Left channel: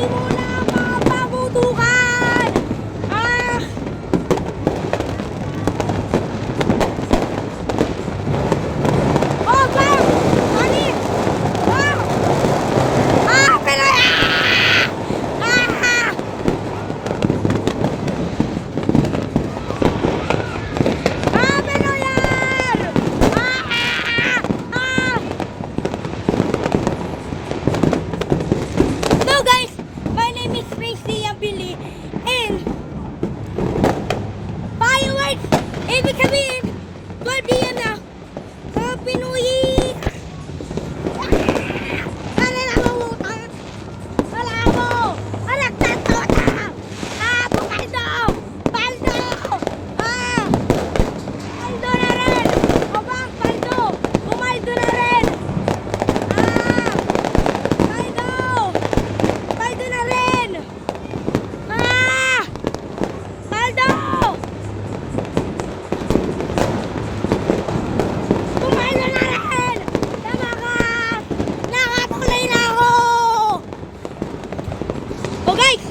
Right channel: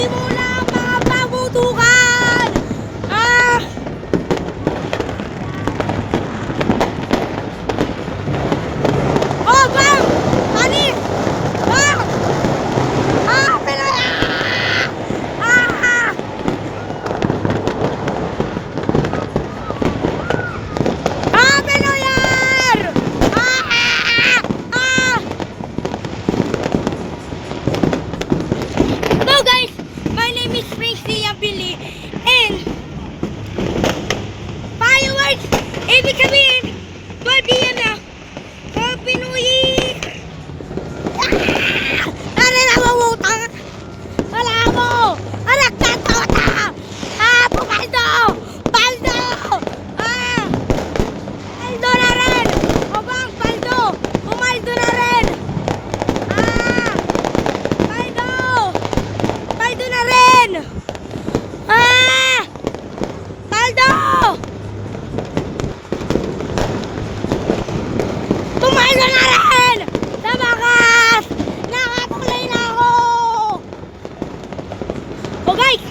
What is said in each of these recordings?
Magsimula ang mga pabutukan! Ah! Oh, bang! Panis! Ah! Ah! Pinoy! Ah! Ah! Ah! Pinoyer! Ah! Ah! Hello guys! My name is Tracy Abili and fireworks! Ibig sabihin, 12 PM na! Happy New Year! Ah! Ano na mamutang? Wala mo! Anak na tota! Ah! Pumaldo! Paldo! Ah! Paldo na rin! O bang paldo? Pumaldo na rin! Ah! Paldo! Paldo na rin! Ah! Paldo! Pumaldo na rin! Sa bakas! Nakatuloy na ako! O guys!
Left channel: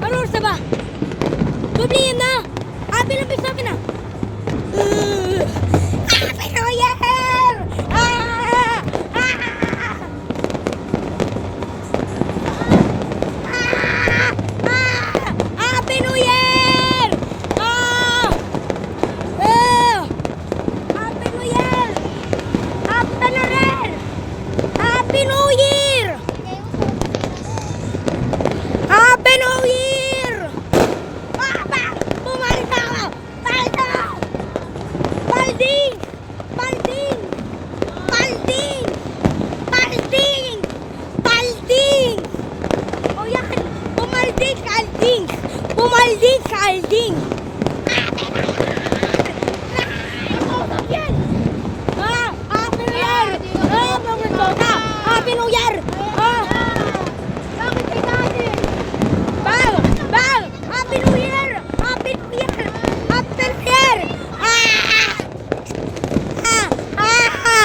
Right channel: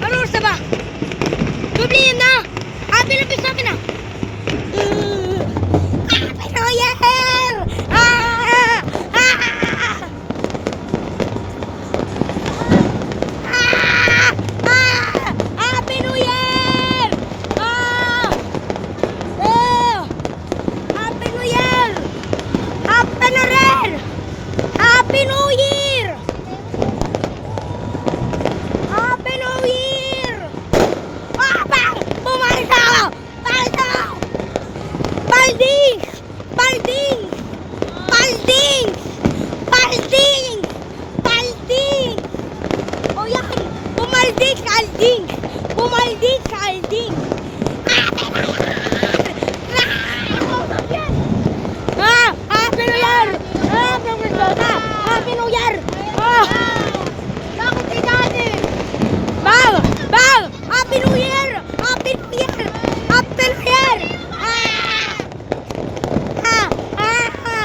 Ano oras na ba? Dublihin na! Happy na bis namin na! Happy New Year! Ah! Ah! Ah! Ah! Happy New Year! Ah! Ah! Happy New Year! Happy na rin! Happy New Year! Happy New Year! Ah! Bang! Bumalik ako! Balik ako! Balding! Balding! Balding! Balding! Balding! O yan! Bumalding sa alding! Bumalding sa alding! Happy New Year!